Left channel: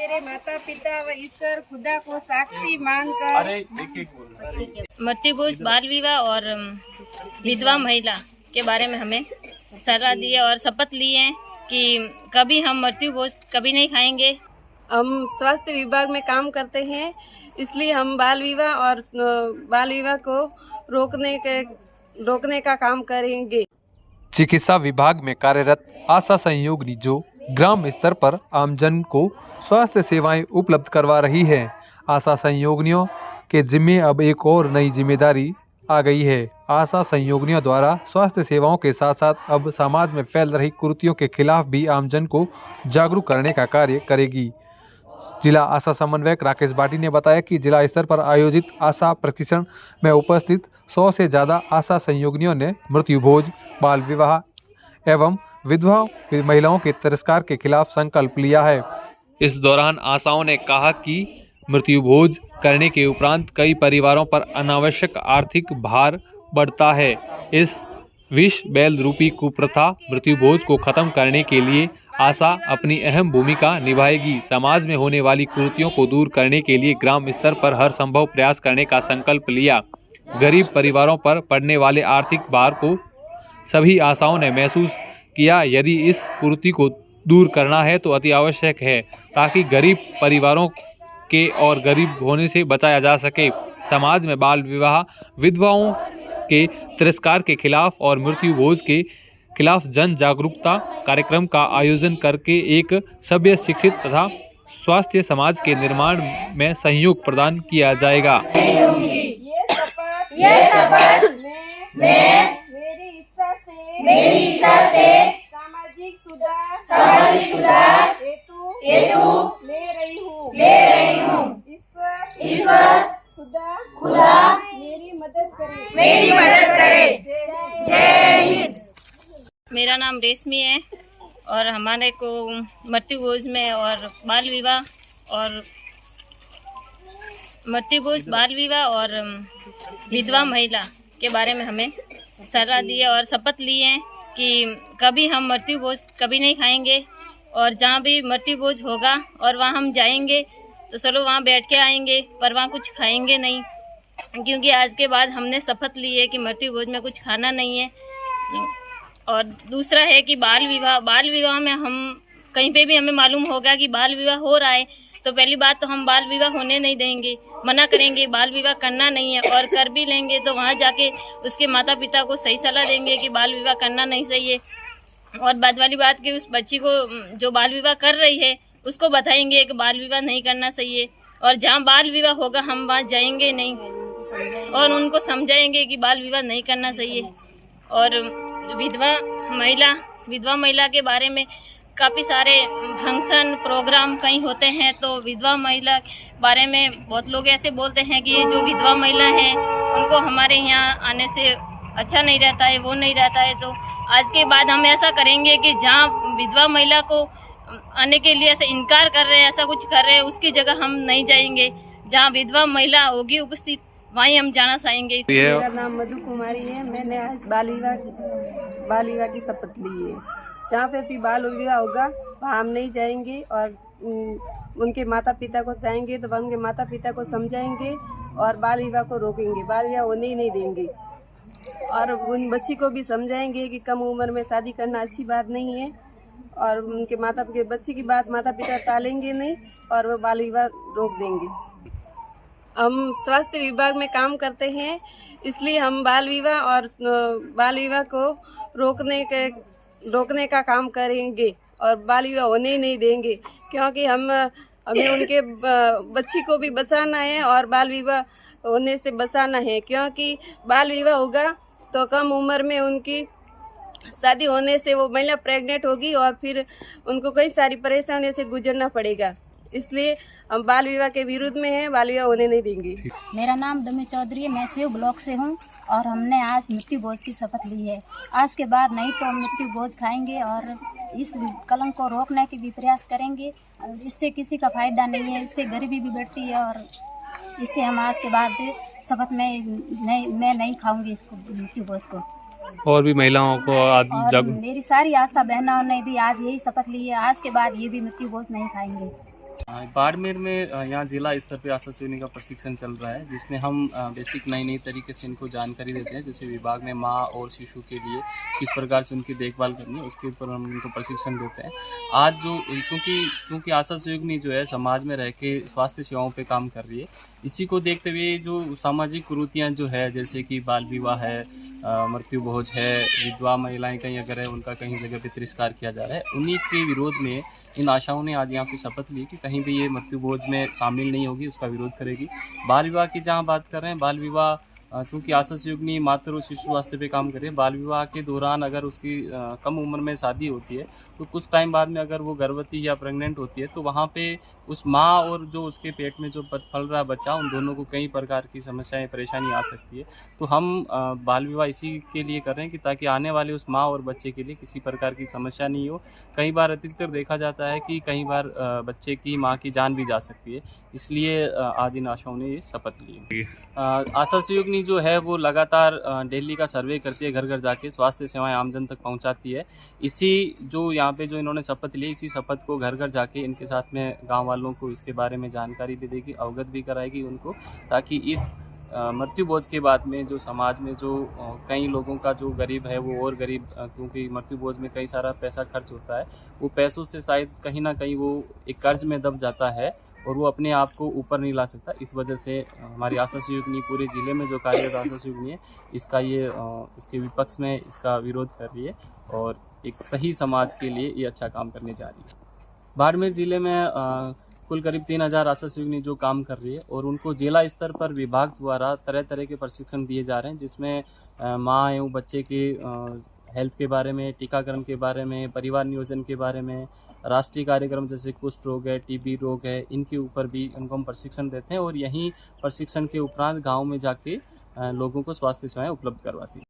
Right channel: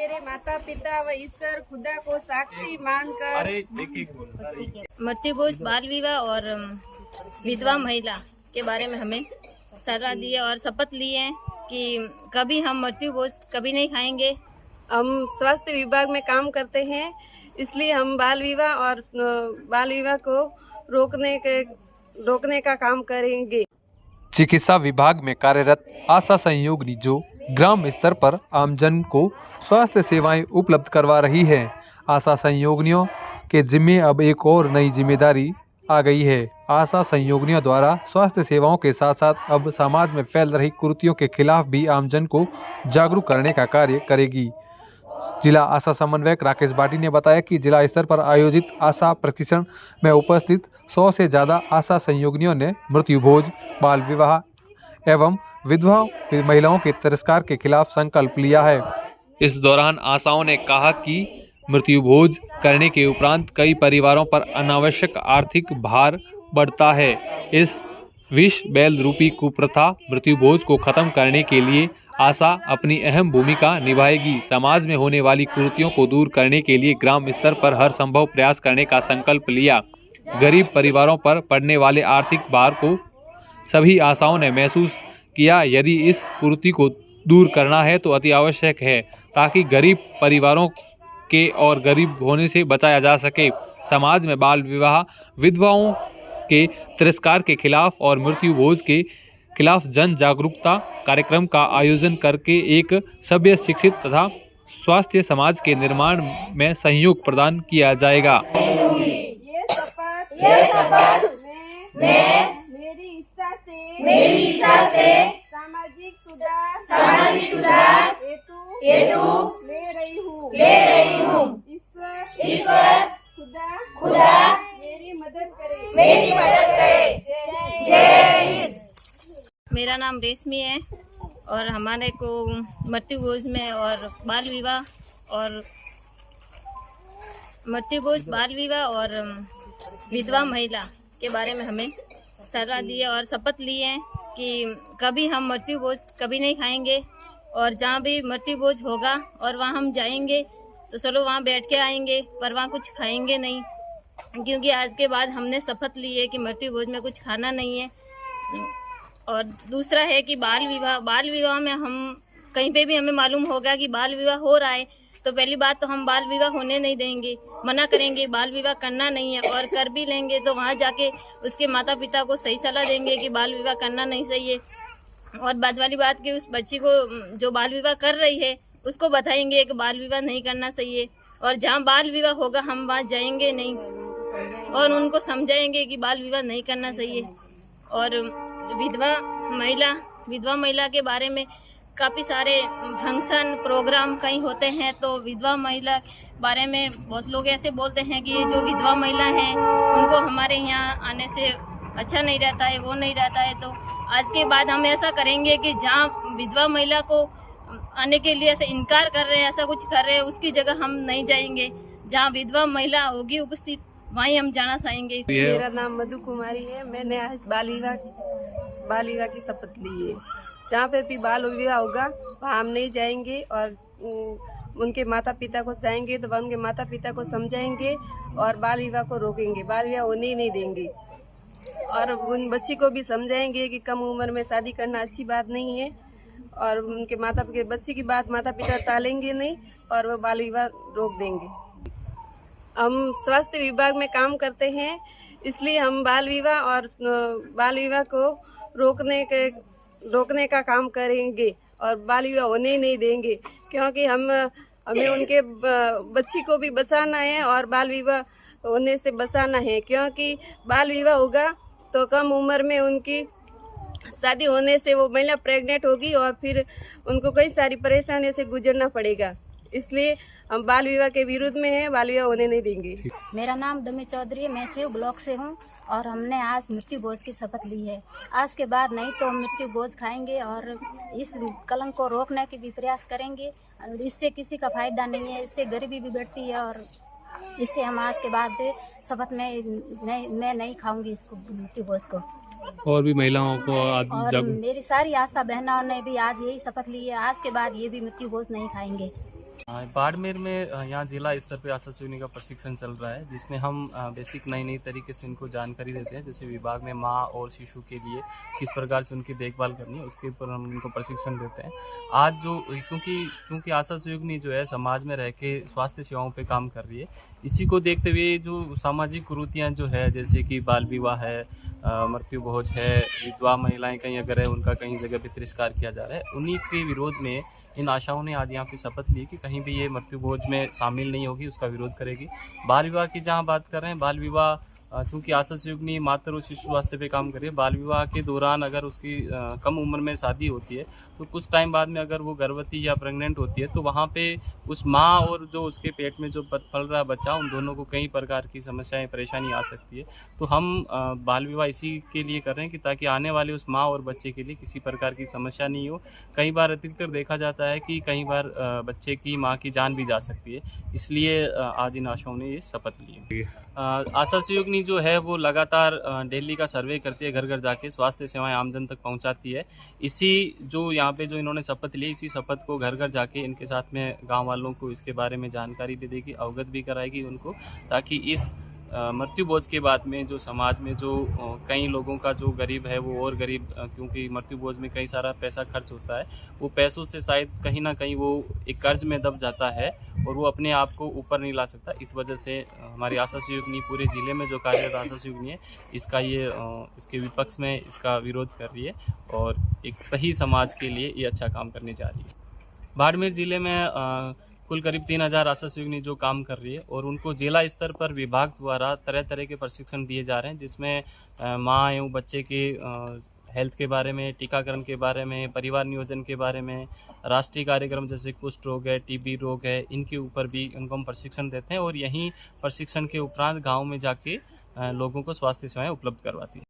मेरे माता पिता व ईश्वर खुदा को साक्षी मानकर मृत्यु भोज बाल विवाह और विधवा महिला के बारे में हमें सलाह दी है और शपथ ली है कि कभी हम मृत्यु भोज कभी नहीं खाएंगे। हम स्वास्थ्य विभाग में काम करते हैं, इसलिए हम बाल विवाह को रोकने का काम करेंगे। चिकित्सा विभाग में कार्यरत आशा सहयोगिनी जो ग्राम स्तर पर आमजन को स्वास्थ्य सेवाएं उपलब्ध करवा रही है। आशा सहयोगिनियों के जिम्मे अब एक और नई जिम्मेदारी आ गई है। आशा सहयोगिनियों द्वारा स्वास्थ्य सेवाओं के साथ साथ अब समाज में फैल रही कुरीतियों के खिलाफ भी आमजन को जागरूक करने का कार्य करेगी। जिला आशा समन्वयक राकेश बाटी ने बताया कि जिला स्तर पर आयोजित आशा प्रशिक्षण में उपस्थित 100 से ज़्यादा आशा सहयोगिनियों ने मृत्यु भोज, बाल विवाह एवं विधवा महिलाओं के तिरस्कार के खिलाफ संकल्प लिया है। इस दौरान आशाओं ने कहा कि मृत्यु भोज करने के उपरांत कई परिवारों पर अनावश्यक आर्थिक भार बढ़ता है। इस विष बैल रूपी कुप्रथा मृत्यु भोज को खत्म करने के लिए आशा अपनी अहम भूमिका निभाएगी। समाज में होने वाली कुरीतियों को दूर करने के लिए ग्राम स्तर पर हर संभव प्रयास करने का संकल्प लिया। गरीब परिवारों पर पड़ने वाले आर्थिक भार को सभी आशाओं ने महसूस किया। यदि इस कुरीति को दूर करना है तो अति आवश्यक है, ताकि गरीब परिवारों के और गरीब होने से बचाया जा सके। समाज में बाल विवाह, विधवाओं के तिरस्कार के खिलाफ और मृत्यु भोज के खिलाफ जन जागरूकता कार्यक्रम का आयोजन करके एक सभ्य, शिक्षित तथा स्वास्थ्य समाज के निर्माण में सहयोग प्रदान किया जाएगा। ये शपथ मैं मेरी इच्छा से सामाजिक सुधार हेतु ले रही हूँ। ईश्वर खुदा मेरी मदद करे। जय हिंद। मेरा नाम रेशमी है और हमारे को मृत्यु भोज में और बाल विवाह और विधवा महिला के बारे में हमें सलाह दी है और शपथ ली है कि कभी हम मृत्यु भोज कभी नहीं खाएंगे और जहाँ भी मृत्यु भोज होगा और वहाँ हम जाएंगे तो चलो वहाँ बैठ के आएंगे, पर वहाँ कुछ खाएंगे नहीं, क्योंकि आज के बाद हमने शपथ ली है कि मृत्यु भोज में कुछ खाना नहीं है। और दूसरा है कि बाल विवाह में हम कहीं पे भी हमें मालूम होगा कि बाल विवाह हो रहा है तो पहली बात तो हम बाल विवाह होने नहीं देंगे, मना करेंगे, बाल विवाह करना नहीं है। और कर भी लेंगे तो वहाँ जाके उसके माता पिता को सही सलाह देंगे कि बाल विवाह करना नहीं सही है। और बाद वाली बात कि उस बच्ची को जो बाल विवाह कर रही है उसको बताएंगे कि बाल विवाह नहीं करना सही है। और जहाँ बाल विवाह होगा हम वहाँ जाएंगे नहीं और उनको समझाएंगे कि बाल विवाह नहीं करना सही है। और विधवा महिला के बारे में काफ़ी सारे फंक्शन प्रोग्राम कहीं होते हैं, तो विधवा महिला बारे में बहुत लोग ऐसे बोलते हैं कि ये जो विधवा महिला हैं उनको हमारे यहाँ आने से अच्छा नहीं रहता है, वो नहीं रहता है। तो आज के बाद हम ऐसा करेंगे कि जहाँ विधवा महिला को आने के लिए ऐसा इनकार कर रहे हैं, ऐसा कुछ कर रहे हैं, उसकी जगह हम नहीं जाएंगे। जहाँ विधवा महिला होगी उपस्थित वहीं हम जाना चाहेंगे। मेरा नाम मधु कुमारी है। मैंने आज बाल विवाह की शपथ ली है। जहाँ पे भी बाल विवाह होगा वहाँ हम नहीं जाएंगे और उनके माता पिता को जाएंगे तो उनके माता पिता को समझाएंगे और बाल विवाह को रोकेंगे, बाल विवाह होने ही नहीं देंगे। और उन बच्ची को भी समझाएंगे कि कम उम्र में शादी करना अच्छी बात नहीं है और उनके बच्ची की बात माता पिता टालेंगे नहीं और वो बाल विवाह रोक देंगे। हम स्वास्थ्य विभाग में काम करते हैं, इसलिए हम बाल विवाह को रोकने का काम करेंगे और बाल विवाह होने ही नहीं देंगे, क्योंकि हमें उनके बच्ची को भी बचाना है और बाल विवाह होने से बचाना है। क्योंकि बाल विवाह होगा तो कम उम्र में उनकी शादी होने से वो महिला प्रेग्नेंट होगी और फिर उनको कई सारी परेशानियों से गुजरना पड़ेगा। इसलिए हम बाल विवाह के विरुद्ध में हैं, बाल विवाह होने नहीं देंगे। मेरा नाम दमी चौधरी है, मैं शिव ब्लॉक से हूँ और हमने आज मृत्यु भोज की शपथ ली है। आज के बाद नहीं तो हम मृत्यु भोज खाएंगे और इस कलंक को रोकने के भी प्रयास करेंगे। और इससे किसी का फायदा नहीं है, इससे गरीबी भी बढ़ती है और इससे हम आज के बाद शपथ में मैं नहीं खाऊंगी इसको, मृत्यु भोज को। और भी महिलाओं को मेरी सारी आशा बहनों ने भी आज यही शपथ ली है, आज के बाद ये भी मृत्यु भोज नहीं खाएंगे। बाड़मेर में यहाँ जिला स्तर पे आशा सहयोगिनी का प्रशिक्षण चल रहा है, जिसमें हम बेसिक नई तरीके से इनको जानकारी देते हैं। जैसे विभाग में माँ और शिशु के लिए किस प्रकार से उनकी देखभाल करनी है, उसके ऊपर हम इनको प्रशिक्षण देते हैं। आज जो क्योंकि आशा सहयोगिनी जो है समाज में रह के स्वास्थ्य सेवाओं पे काम कर रही है, इसी को देखते हुए जो सामाजिक कुरीतियाँ जो है, जैसे कि बाल विवाह है, मृत्यु भोज है, विधवा महिलाएं कहीं अगर है उनका कहीं जगह पे तिरस्कार किया जा रहा है, उन्हीं के विरोध में इन आशाओं ने आज यहाँ पे शपथ ली कि कहीं भी ये मृत्यु भोज में शामिल नहीं होगी, उसका विरोध करेगी। बाल विवाह की जहाँ बात कर रहे हैं, बाल विवाह चूँकि आशा सहयोगिनी मातृ और शिशु स्वास्थ्य पे काम कर रही है, बाल विवाह के दौरान अगर उसकी कम उम्र में शादी होती है तो कुछ टाइम बाद में अगर वो गर्भवती या प्रेग्नेंट होती है तो वहाँ पे उस माँ और जो उसके पेट में जो पल रहा बच्चा, उन दोनों को कई प्रकार की समस्याएं परेशानी आ सकती है। तो हम बाल विवाह इसी के लिए कर रहे हैं कि ताकि आने वाले उस माँ और बच्चे के लिए किसी प्रकार की समस्या नहीं हो। कई बार अधिकतर देखा जाता है कि कई बार बच्चे की माँ की जान भी जा सकती है, इसलिए आज इन आशाओं ने ये शपथ ली। आशा सहयोगिनी जो है वो लगातार डेली का सर्वे करती है, घर घर जाके स्वास्थ्य सेवाएं आमजन तक पहुंचाती है। इसी जो यहाँ पे जो इन्होंने शपथ ली, इसी शपथ को घर घर जाके इनके साथ में गांव वालों को इसके बारे में जानकारी भी देगी, अवगत भी कराएगी उनको, ताकि इस मृत्यु भोज के बाद में जो समाज में जो कई लोगों का जो गरीब है वो और गरीब, क्योंकि मृत्यु भोज में कई सारा पैसा खर्च होता है, वो पैसों से शायद कहीं ना कहीं वो एक कर्ज में दब जाता है और वो अपने आप को ऊपर नहीं ला सकता। इस वजह से हमारी आशा सहयोगिनी पूरे ज़िले में जो कार्यरत आशा सहयोगिनी है, इसके विपक्ष में इसका विरोध कर रही है और एक सही समाज के लिए ये अच्छा काम करने जा रही है। बाड़मेर ज़िले में कुल करीब 3000 आशा सहयोगिनी जो काम कर रही है और उनको जिला स्तर पर विभाग द्वारा तरह तरह के प्रशिक्षण दिए जा रहे हैं, जिसमें माँ एवं बच्चे के हेल्थ के बारे में, टीकाकरण के बारे में, परिवार नियोजन के बारे में, राष्ट्रीय कार्यक्रम जैसे कुष्ठ रोग है, टीबी रोग है, इनके ऊपर भी उनको हम प्रशिक्षण देते हैं और यहीं प्रशिक्षण के उपरांत गाँव में जाके लोगों को स्वास्थ्य सेवाएँ उपलब्ध करवाती हैं।